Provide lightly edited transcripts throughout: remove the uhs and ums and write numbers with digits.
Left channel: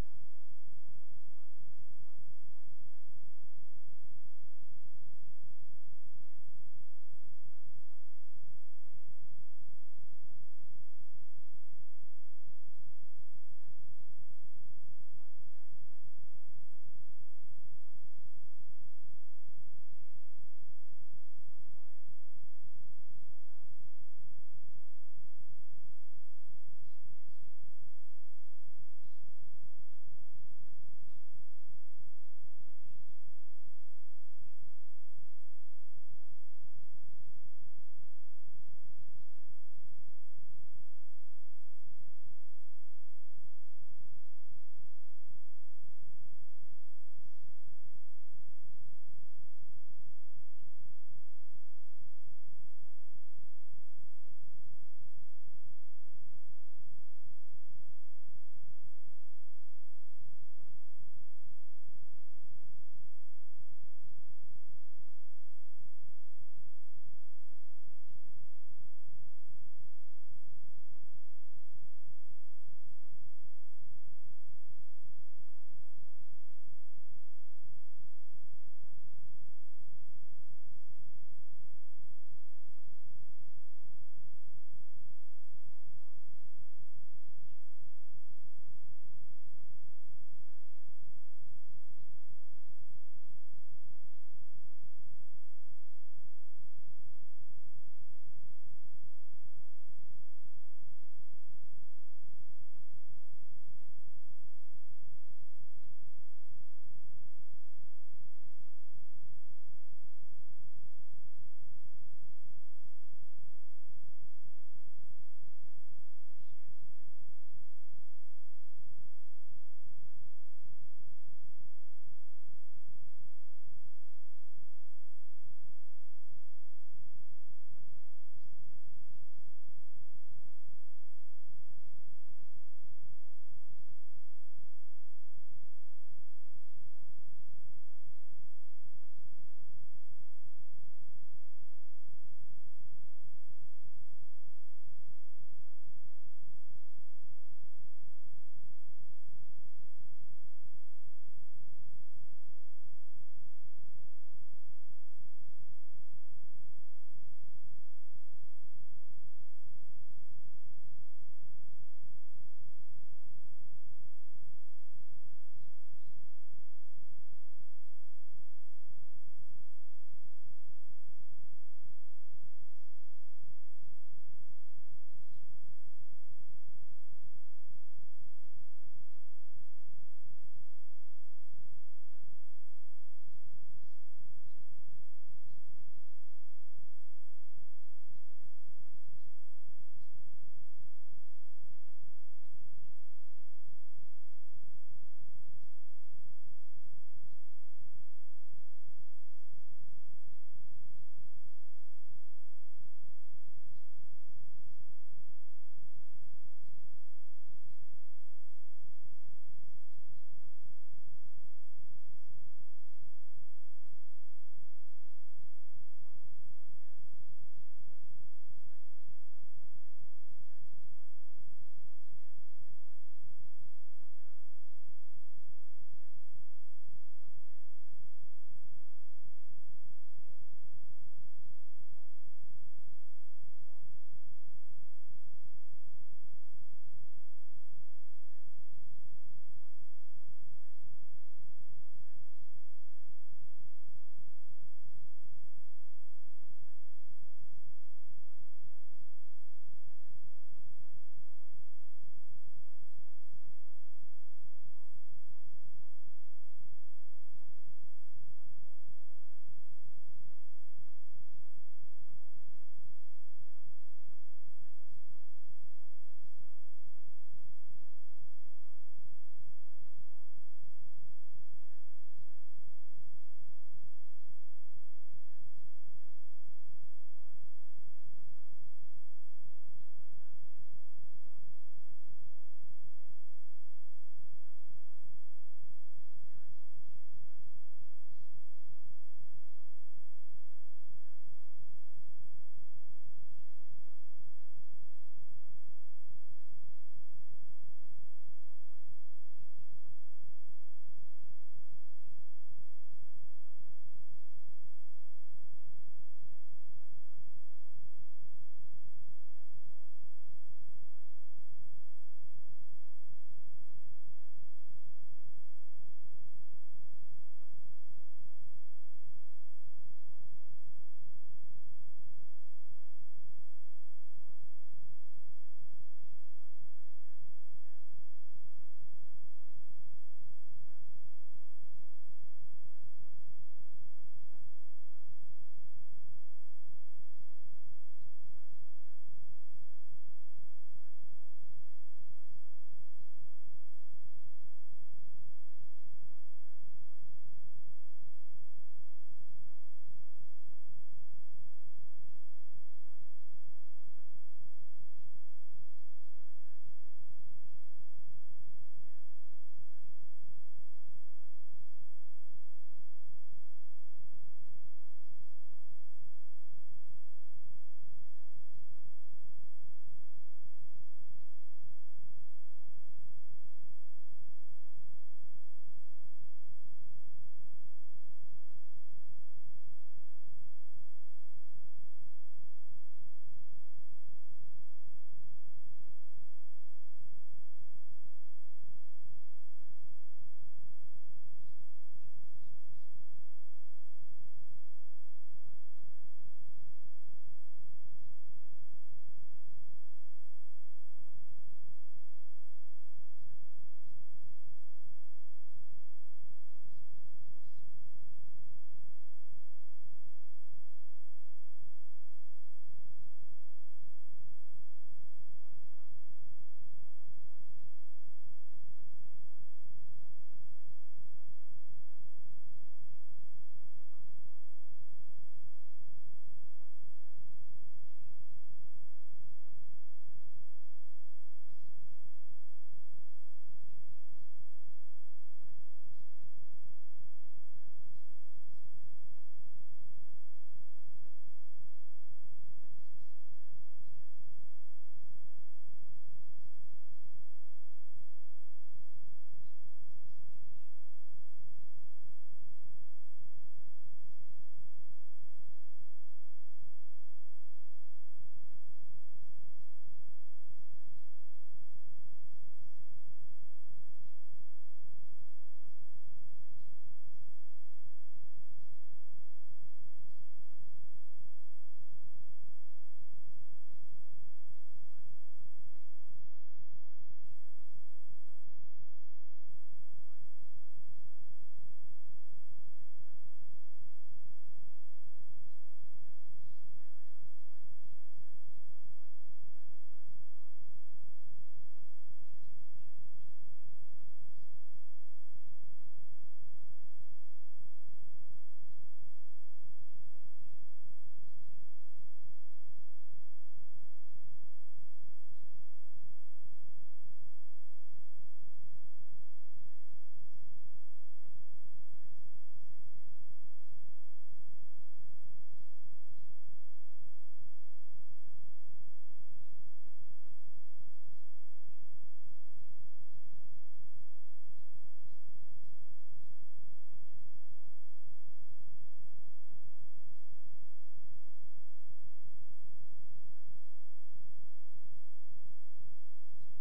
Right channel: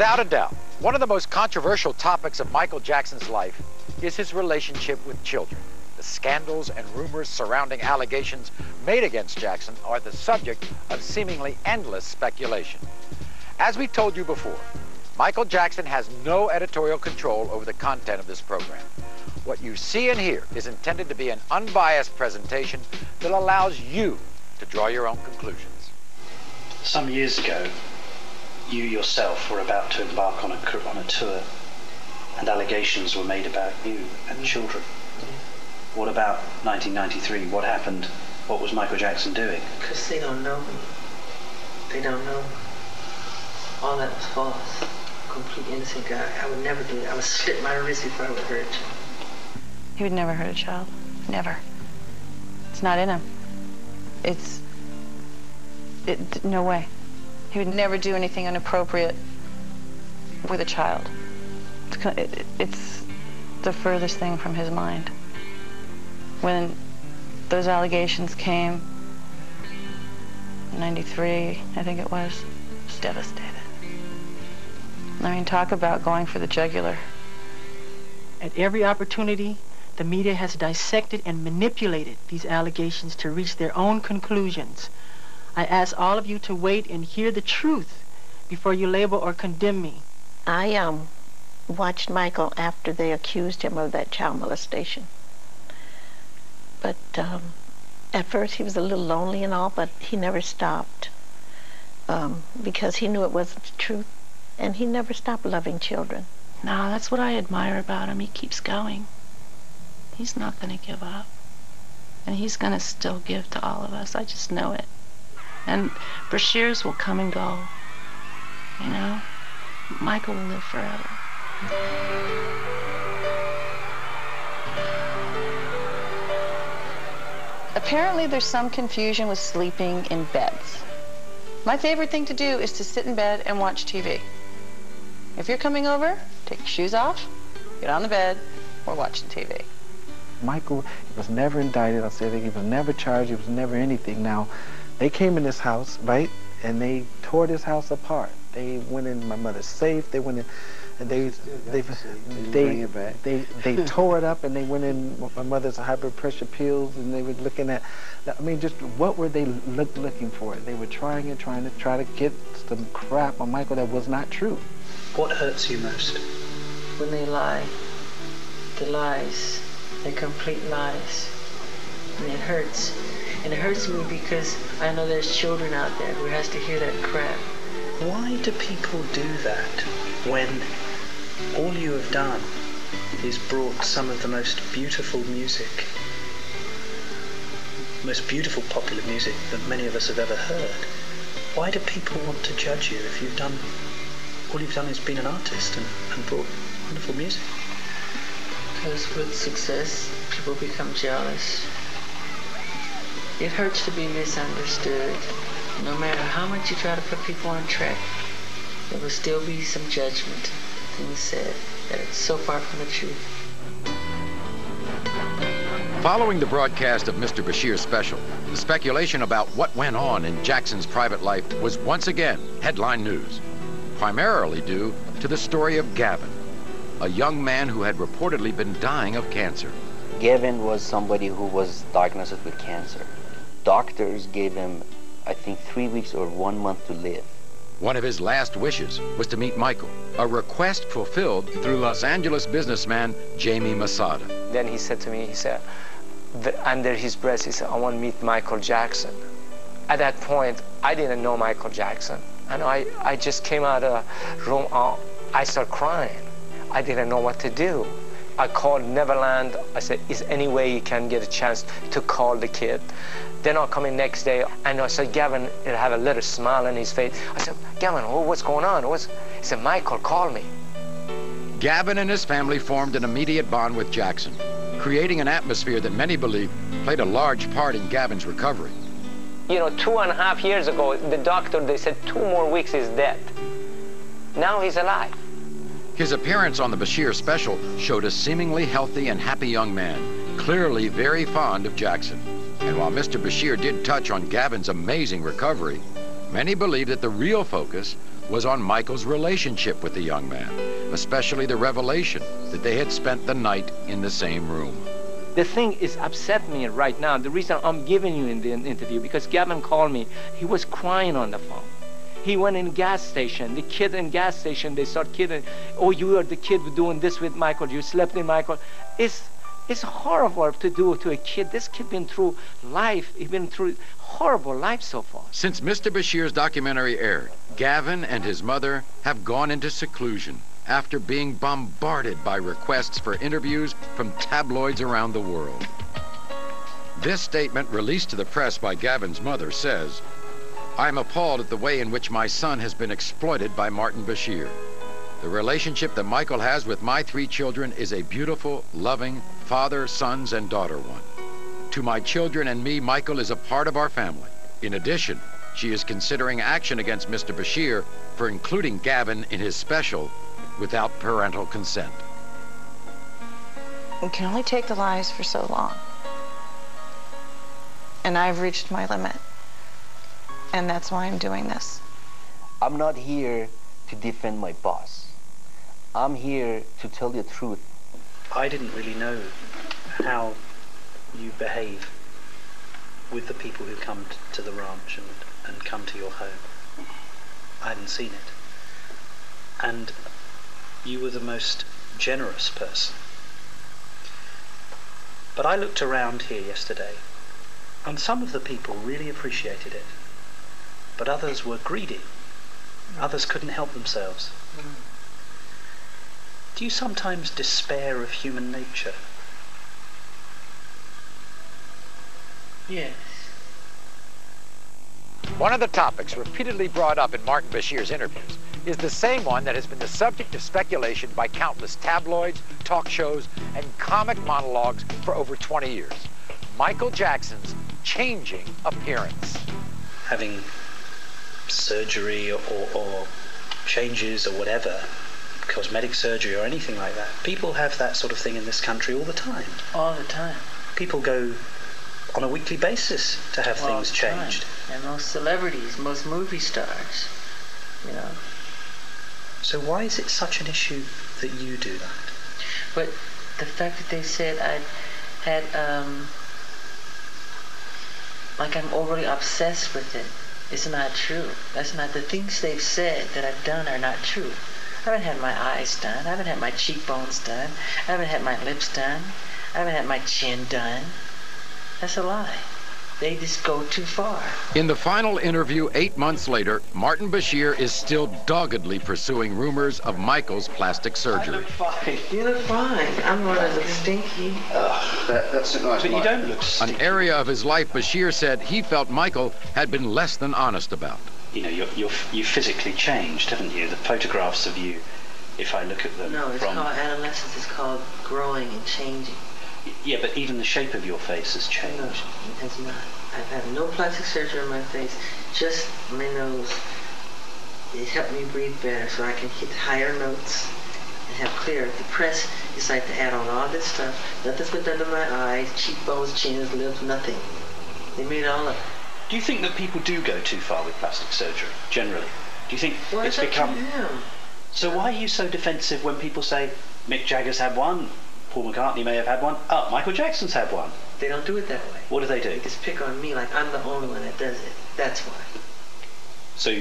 Without a doubt, one of the most controversial topics of Michael Jackson's life is his relationship with children. The scandals and rumors surrounding allegations made against Jackson are the subject of seemingly endless speculation. As we told you before, Michael Jackson has no editorial control over the content of this program. What you see and hear is intended to be an unbiased presentation that allows you to draw your own conclusions. Some years ago, you yourself were about to embark on a tour, and allegations were made about you and children. What about 1993? What happened? What was Michael Jackson doing? Because they don't know me. They don't know me. All that was false. Complete innocent guy. I would never do it. I would slit my wrist if I would hurt you. He would never hurt a child. Never. It's not in him. No way. He would never do anything inappropriate with a child. It's the furthest thing from his mind. When those allegations came, in '93, I think it was devastated. I mean, talk about going for the jugular. At every opportunity, the media has dissected and manipulated these allegations to reach their own conclusions. I ask all of you to wait and hear the truth before you label or condemn me. I watched Michael after they accused him of that child molestation. But at first he was a little lonely and all, but he never stopped because he knew it wasn't the truth, and he never stopped loving children. No, that's what I admire about him. He keeps going. He's not going to give up. And he's going to still give to all of us. I just know it. And Bashirs will come and go. You know? Michael will live forever. Apparently there's some confusion with sleeping in beds. My favorite thing to do is to sit in bed and watch TV. If you're coming over, take your shoes off, get on the bed, or watch the TV. Michael was never indicted. I said he was never charged. He was never anything. Now, they came in this house, right, and they tore this house apart. They went in my mother's safe. They went in, and they tore it up, and they went in my mother's high blood pressure pills, and they were looking at, I mean, just what were they looking for? They were trying to get some crap on Michael that was not true. What hurts you most? When they lie. The lies. They're complete lies. And it hurts. And it hurts me because I know there's children out there who has to hear that crap. Why do people do that when all you have done is brought some of the most beautiful music, most beautiful popular music that many of us have ever heard? Why do people want to judge you if you've done, all you've done is been an artist and brought wonderful music? Because with success, people become jealous. It hurts to be misunderstood. No matter how much you try to put people on track, there will still be some judgment, things said that it's so far from the truth. Following the broadcast of Mr. Bashir's special, the speculation about what went on in Jackson's private life was once again headline news, primarily due to the story of Gavin, a young man who had reportedly been dying of cancer. Gavin was somebody who was diagnosed with cancer. Doctors gave him, I think, 3 weeks or 1 month to live. One of his last wishes was to meet Michael, a request fulfilled through Los Angeles businessman Jamie Masada. Then he said to me, he said, under his breath, he said, I want to meet Michael Jackson. At that point, I didn't know Michael Jackson. And I just came out of the room, I started crying. I didn't know what to do. I called Neverland. I said, is there any way you can get a chance to call the kid? Then I'll come in next day, and I said, Gavin, he'll have a little smile on his face. I said, Gavin, what's going on? He said, Michael, call me. Gavin and his family formed an immediate bond with Jackson, creating an atmosphere that many believe played a large part in Gavin's recovery. You know, 2.5 years ago, the doctor, they said 2 more weeks he's dead. Now he's alive. His appearance on the Bashir special showed a seemingly healthy and happy young man, clearly very fond of Jackson. And while Mr. Bashir did touch on Gavin's amazing recovery, many believe that the real focus was on Michael's relationship with the young man, especially the revelation that they had spent the night in the same room. The thing is upset me right now. The reason I'm giving you in the interview, because Gavin called me. He was crying on the phone. He went in gas station. The kid in gas station, they start kidding. Oh, you are the kid doing this with Michael. You slept in Michael. It's horrible to do to a kid. This kid been through life. He's been through horrible life so far. Since Mr. Bashir's documentary aired, Gavin and his mother have gone into seclusion after being bombarded by requests for interviews from tabloids around the world. This statement, released to the press by Gavin's mother, says, "I'm appalled at the way in which my son has been exploited by Martin Bashir. The relationship that Michael has with my 3 children is a beautiful, loving, father, sons, and daughter one. To my children and me, Michael is a part of our family. In addition, she is considering action against Mr. Bashir for including Gavin in his special without parental consent." You can only take the lies for so long. And I've reached my limit. And that's why I'm doing this. I'm not here to defend my boss. I'm here to tell the truth. I didn't really know how you behave with the people who come to the ranch and come to your home. I hadn't seen it. And you were the most generous person. But I looked around here yesterday, and some of the people really appreciated it. But others were greedy. Others couldn't help themselves. Do you sometimes despair of human nature? Yes. One of the topics repeatedly brought up in Martin Bashir's interviews is the same one that has been the subject of speculation by countless tabloids, talk shows, and comic monologues for over 20 years. Michael Jackson's changing appearance. Having surgery or changes or whatever, cosmetic surgery or anything like that. People have that sort of thing in this country all the time. All the time. People go on a weekly basis to have All things the time. changed. And most celebrities, most movie stars, you know. So why is it such an issue that you do that? But the fact that they said I had, like I'm overly obsessed with it, is not true. That's not, the things they've said that I've done are not true. I haven't had my eyes done. I haven't had my cheekbones done. I haven't had my lips done. I haven't had my chin done. That's a lie. They just go too far. In the final interview 8 months later, Martin Bashir is still doggedly pursuing rumors of Michael's plastic surgery. Fine. You look fine. I'm one of the stinky. That's nice. But you don't look stinky. An area of his life Bashir said he felt Michael had been less than honest about. You know, you physically changed, haven't you? The photographs of you, if I look at them No, it's from... called adolescence. It's called growing and changing. Yeah, but even the shape of your face has changed. No, it has not. I've had no plastic surgery on my face, just my nose. It helped me breathe better so I can hit higher notes and have clear. The press decided to add on all this stuff. Nothing's been done to my eyes, cheekbones, chins, lips, nothing. They made all of it. Do you think that people do go too far with plastic surgery, generally? Do you think Well, it's up to become... them. So why are you so defensive when people say, Mick Jagger's had one, Paul McCartney may have had one, oh, Michael Jackson's had one? They don't do it that way. What do they do? They just pick on me like I'm the only one that does it. That's why. So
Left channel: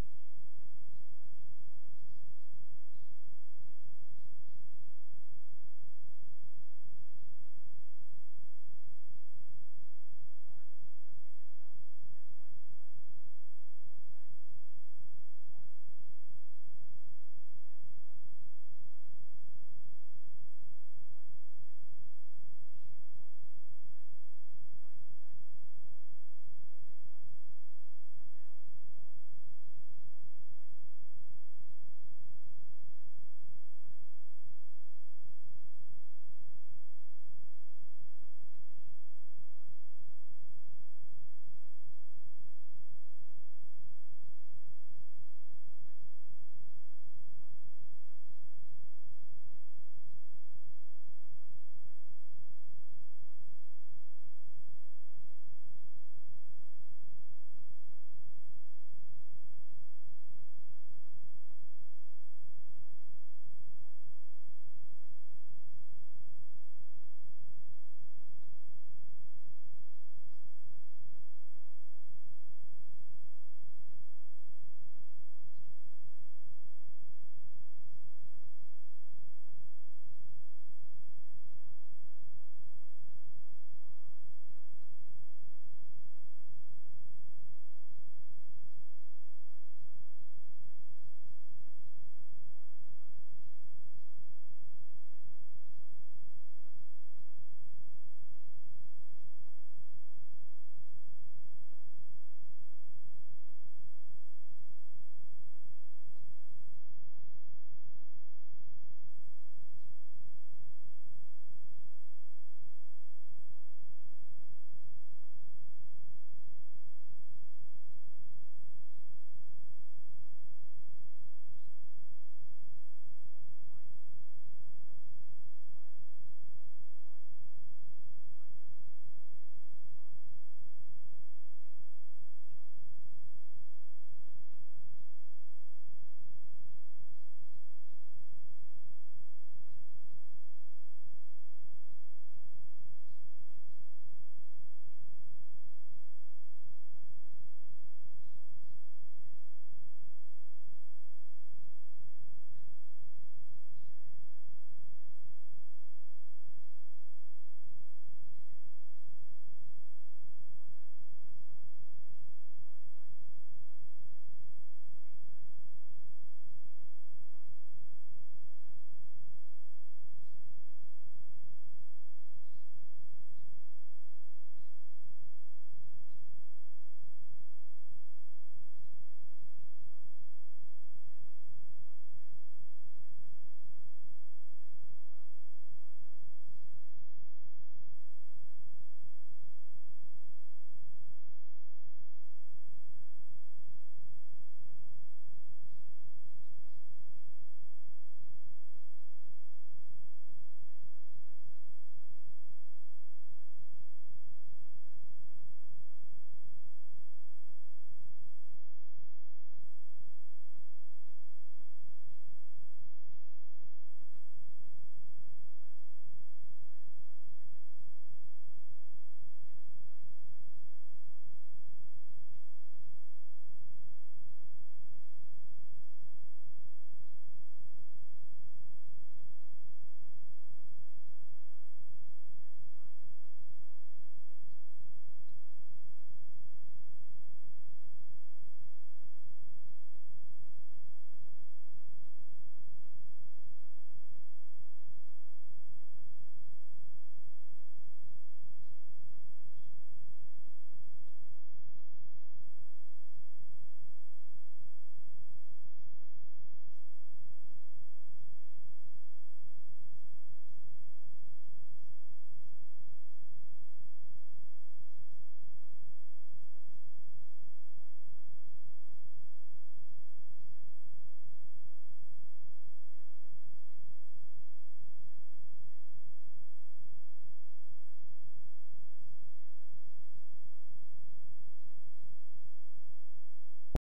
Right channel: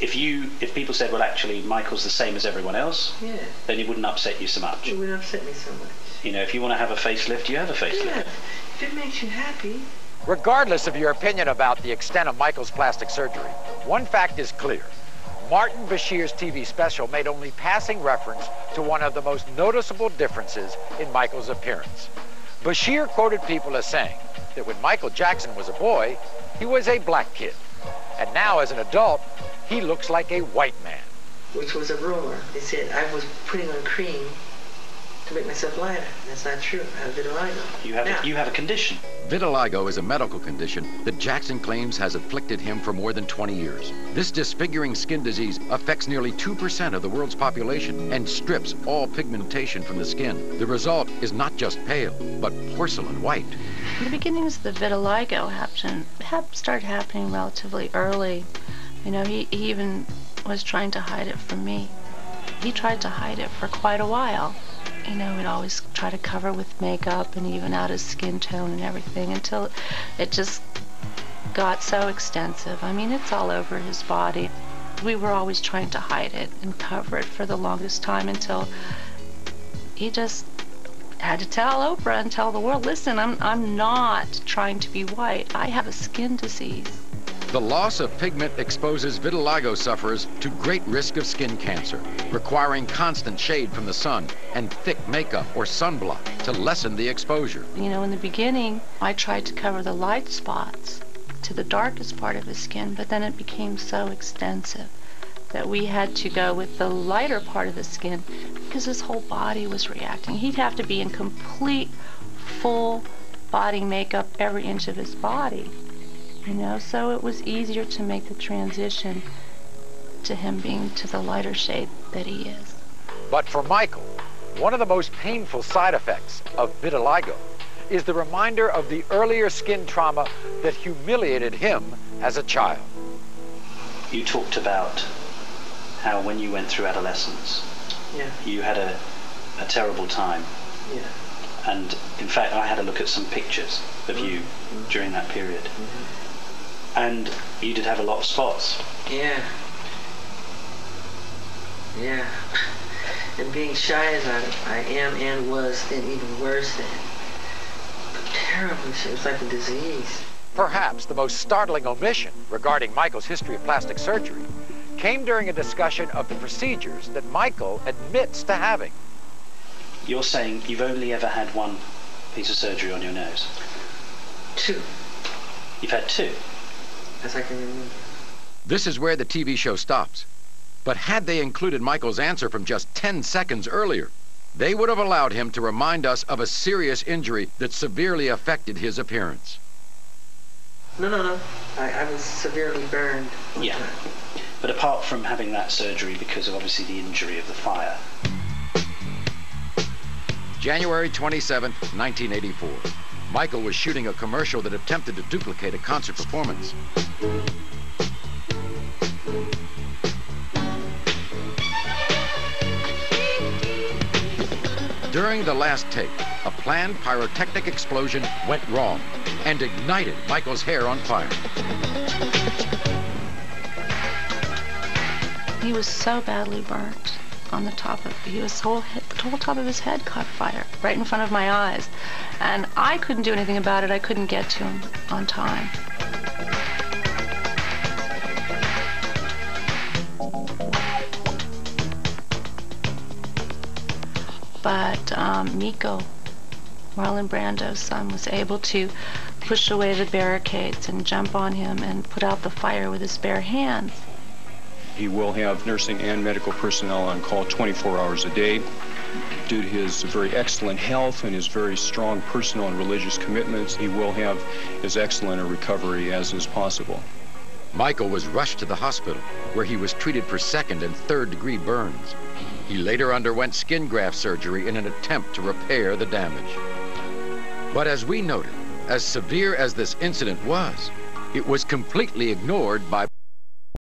if people said, well, actually, Michael's the same as everyone else, Yeah. then it wouldn't upset you so much. It would upset me so much. You know, if you want to have a facelift, you have a facelift. Yeah. If it makes you happy. Regardless of your opinion about the extent of Michael's plastic surgery, one fact is clear. Martin Bashir's TV special made only passing reference to one of the most noticeable differences in Michael's appearance. Bashir quoted people as saying that when Michael Jackson was a boy, he was a black kid. And now as an adult, he looks like a white man. Which was a rumor. They said I was putting on cream to make myself lighter. That's not true. I have vitiligo. You have a condition. Vitiligo is a medical condition that Jackson claims has afflicted him for more than 20 years. This disfiguring skin disease affects nearly 2% of the world's population and strips all pigmentation from the skin. The result is not just pale, but porcelain white. The beginnings of the vitiligo started happening relatively early. You know, he even was trying to hide it from me. He tried to hide it for quite a while. You know, he'd always try to cover with makeup and even out his skin tone and everything until it just got so extensive. I mean, it's all over his body. We were always trying to hide it and cover it for the longest time until he just had to tell Oprah and tell the world, listen, I'm not trying to be white. I have a skin disease. The loss of pigment exposes vitiligo sufferers to great risk of skin cancer, requiring constant shade from the sun and thick makeup or sunblock to lessen the exposure. You know, in the beginning, I tried to cover the light spots to the darkest part of his skin, but then it became so extensive that we had to go with the lighter part of the skin because his whole body was reacting. He'd have to be in complete, full body makeup every inch of his body. You know, so it was easier to make the transition to him being to the lighter shade that he is. But for Michael, one of the most painful side effects of vitiligo is the reminder of the earlier skin trauma that humiliated him as a child. You talked about how when you went through adolescence, you had a terrible time. Yeah. And in fact, I had a look at some pictures of you during that period. And you did have a lot of spots. Yeah. Yeah. And being shy as I am and was, then even worse then. Terribly, it was like a disease. Perhaps the most startling omission regarding Michael's history of plastic surgery came during a discussion of the procedures that Michael admits to having. You're saying you've only ever had one piece of surgery on your nose? 2. You've had 2? As I can remember. This is where the TV show stops. But had they included Michael's answer from just 10 seconds earlier, they would have allowed him to remind us of a serious injury that severely affected his appearance. No. I was severely burned. Yeah. But apart from having that surgery because of obviously the injury of the fire. January 27th, 1984. Michael was shooting a commercial that attempted to duplicate a concert performance. During the last take, a planned pyrotechnic explosion went wrong and ignited Michael's hair on fire. He was so badly burnt on the top of the whole top of his head caught fire right in front of my eyes. And I couldn't do anything about it. I couldn't get to him on time. But Miko, Marlon Brando's son, was able to push away the barricades and jump on him and put out the fire with his bare hands. He will have nursing and medical personnel on call 24 hours a day. Due to his very excellent health and his very strong personal and religious commitments, he will have as excellent a recovery as is possible. Michael was rushed to the hospital, where he was treated for 2nd and 3rd degree burns. He later underwent skin graft surgery in an attempt to repair the damage. But as we noted, as severe as this incident was, it was completely ignored by